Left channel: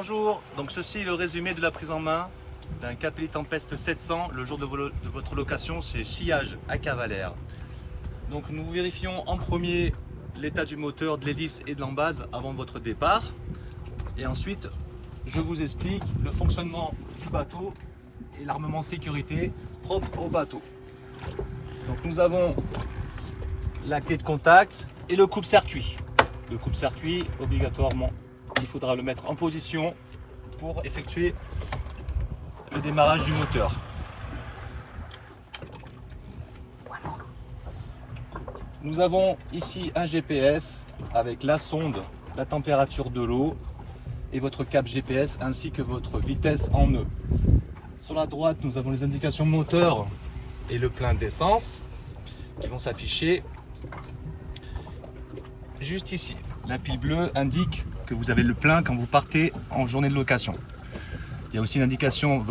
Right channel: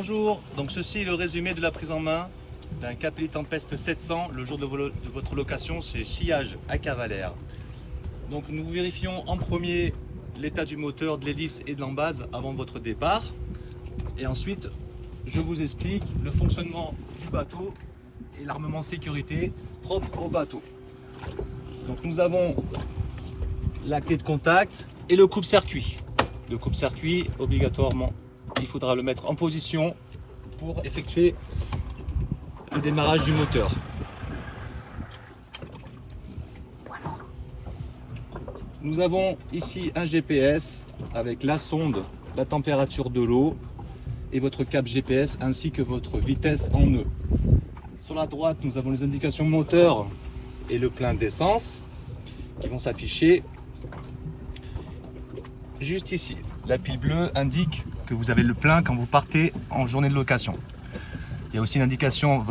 Bonjour, donc ceci est le résumé de la prise en main d'un Capelli Tempest 700 le jour de votre location chez Sillage à Cavalère. Donc nous vérifions en premier l'état du moteur, de l'hélice et de l'embase avant votre départ. Et ensuite, je vous explique le fonctionnement du bateau et l'armement sécurité propre au bateau. Donc nous avons la clé de contact et le coupe-circuit. Le coupe-circuit, obligatoirement, il faudra le mettre en position pour effectuer le démarrage du moteur. Nous avons ici un GPS avec la sonde, la température de l'eau et votre cap GPS ainsi que votre vitesse en nœud. Sur la droite, nous avons les indications moteur et le plein d'essence qui vont s'afficher juste ici. La pile bleue indique que vous avez le plein quand vous partez en journée de location. Il y a aussi l'indication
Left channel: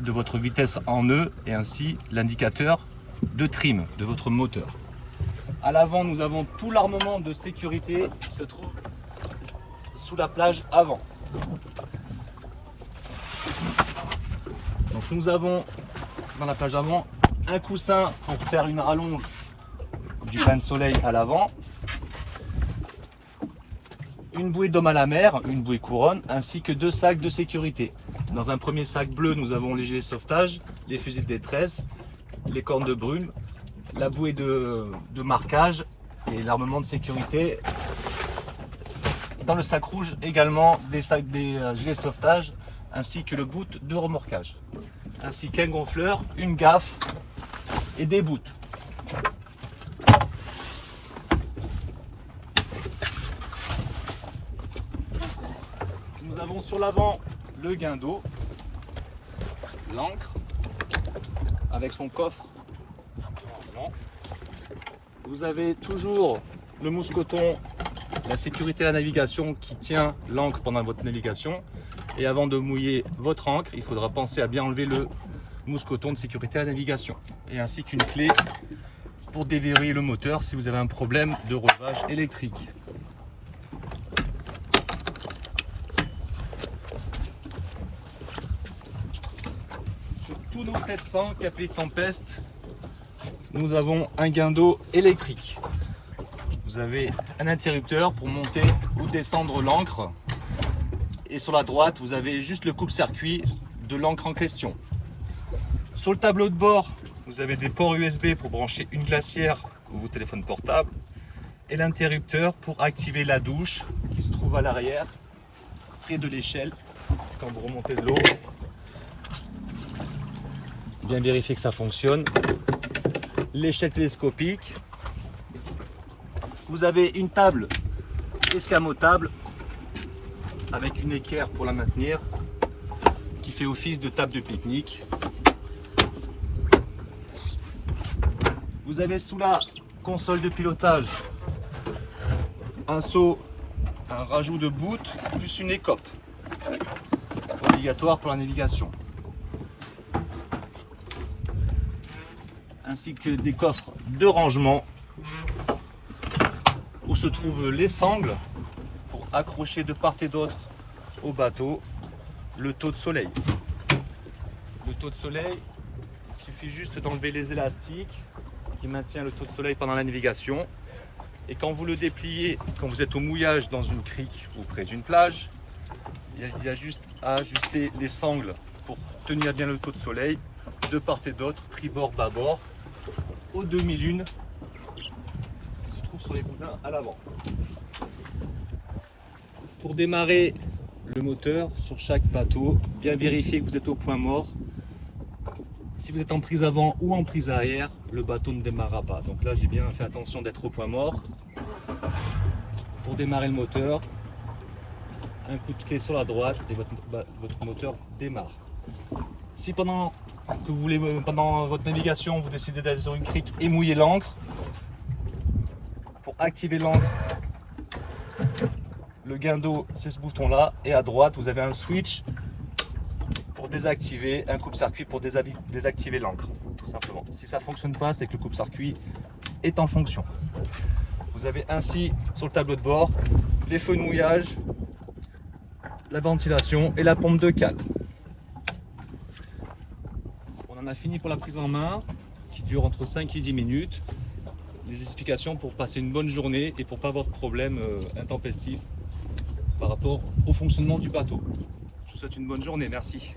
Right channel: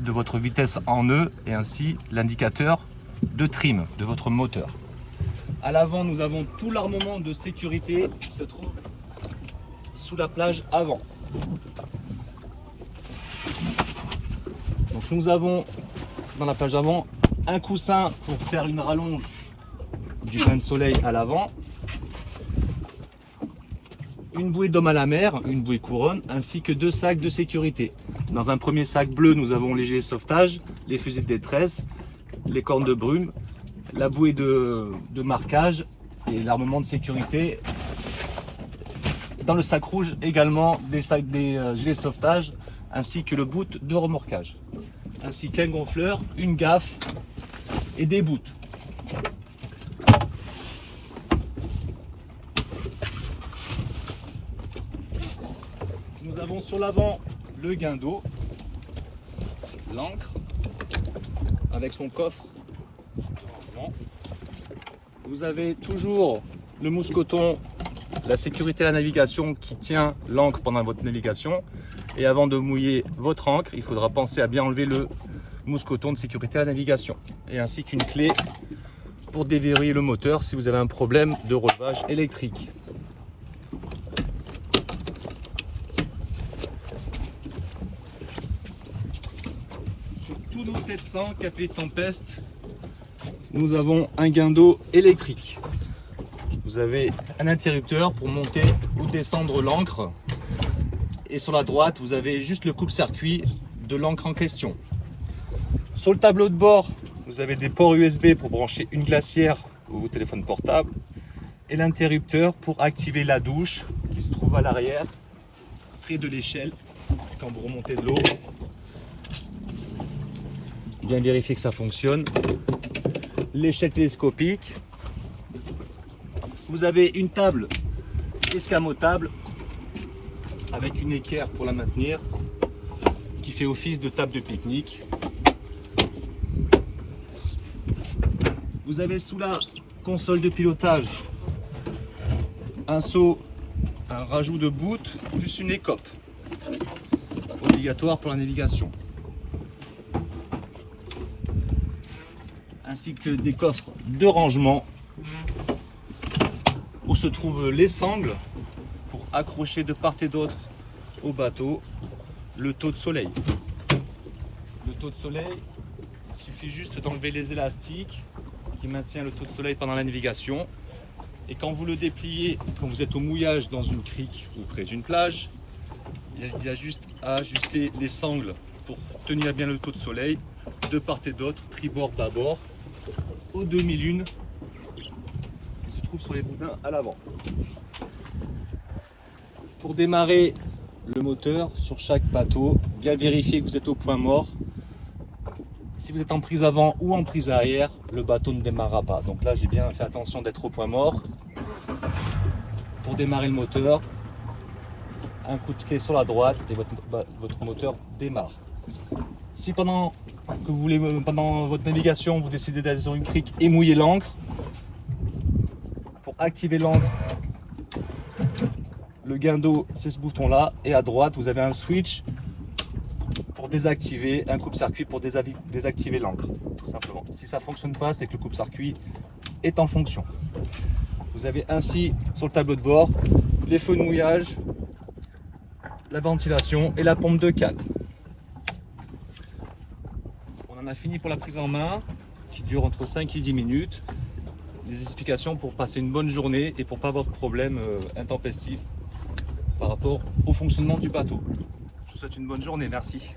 de votre vitesse en nœud et ainsi l'indicateur de trim de votre moteur. À l'avant, nous avons tout l'armement de sécurité qui se trouve sous la plage avant. Donc nous avons dans la plage avant un coussin pour faire une rallonge du bain de soleil à l'avant, une bouée d'homme à la mer, une bouée couronne, ainsi que deux sacs de sécurité. Dans un premier sac bleu, nous avons les gilets de sauvetage, les fusils de détresse, les cornes de brume, la bouée de marquage et l'armement de sécurité. Dans le sac rouge également des gilets de sauvetage ainsi que le boot de remorquage, ainsi qu'un gonfleur, une gaffe et des boots. Nous avons sur l'avant le guindeau, l'ancre avec son coffre. Vous avez toujours le mousqueton, la sécurité à la navigation qui tient l'ancre pendant votre navigation. Et avant de mouiller votre ancre, il faudra penser à bien enlever le mousqueton de sécurité à la navigation. Et ainsi qu'une clé pour déverrouiller le moteur si vous avez un problème de relevage électrique. Sur tous nos 700 Capelli Tempest, nous avons un guindeau électrique. Vous avez un interrupteur pour monter ou descendre l'ancre. Et sur la droite, vous avez juste le coupe-circuit de l'ancre en question. Sur le tableau de bord, vous avez des ports USB pour brancher une glacière ou vos téléphones portables. Et l'interrupteur pour activer la douche qui se trouve à l'arrière, près de l'échelle, quand vous remontez de l'eau. Bien vérifier que ça fonctionne. L'échelle télescopique. Vous avez une table escamotable avec une équerre pour la maintenir qui fait office de table de pique-nique. Vous avez sous la console de pilotage un seau, un rajout de boot plus une écope obligatoire pour la navigation, ainsi que des coffres de rangement où se trouvent les sangles pour accrocher de part et d'autre au bateau le taux de soleil. Le taux de soleil, il suffit juste d'enlever les élastiques qui maintiennent le taux de soleil pendant la navigation. Et quand vous le dépliez, quand vous êtes au mouillage dans une crique ou près d'une plage, il y a juste à ajuster les sangles pour tenir bien le taux de soleil de part et d'autre, tribord, bâbord, aux demi-lunes qui se trouvent sur les boudins à l'avant. Pour démarrer le moteur sur chaque bateau, bien vérifier que vous êtes au point mort. Si vous êtes en prise avant ou en prise arrière, le bateau ne démarrera pas. Donc là, j'ai bien fait attention d'être au point mort. Pour démarrer le moteur, un coup de clé sur la droite et votre moteur démarre. Si pendant votre navigation, vous décidez d'aller sur une crique et mouiller l'ancre, pour activer l'ancre, le guindeau, c'est ce bouton-là, et à droite, vous avez un switch pour désactiver, un coupe-circuit pour désactiver l'ancre, tout simplement. Si ça ne fonctionne pas, c'est que le coupe-circuit est en fonction. Vous avez ainsi sur le tableau de bord les feux de mouillage, la ventilation et la pompe de cale. On en a fini pour la prise en main qui dure entre 5 et 10 minutes. Les explications pour passer une bonne journée et pour pas avoir de problème intempestif par rapport au fonctionnement du bateau. Je vous souhaite une bonne journée, merci.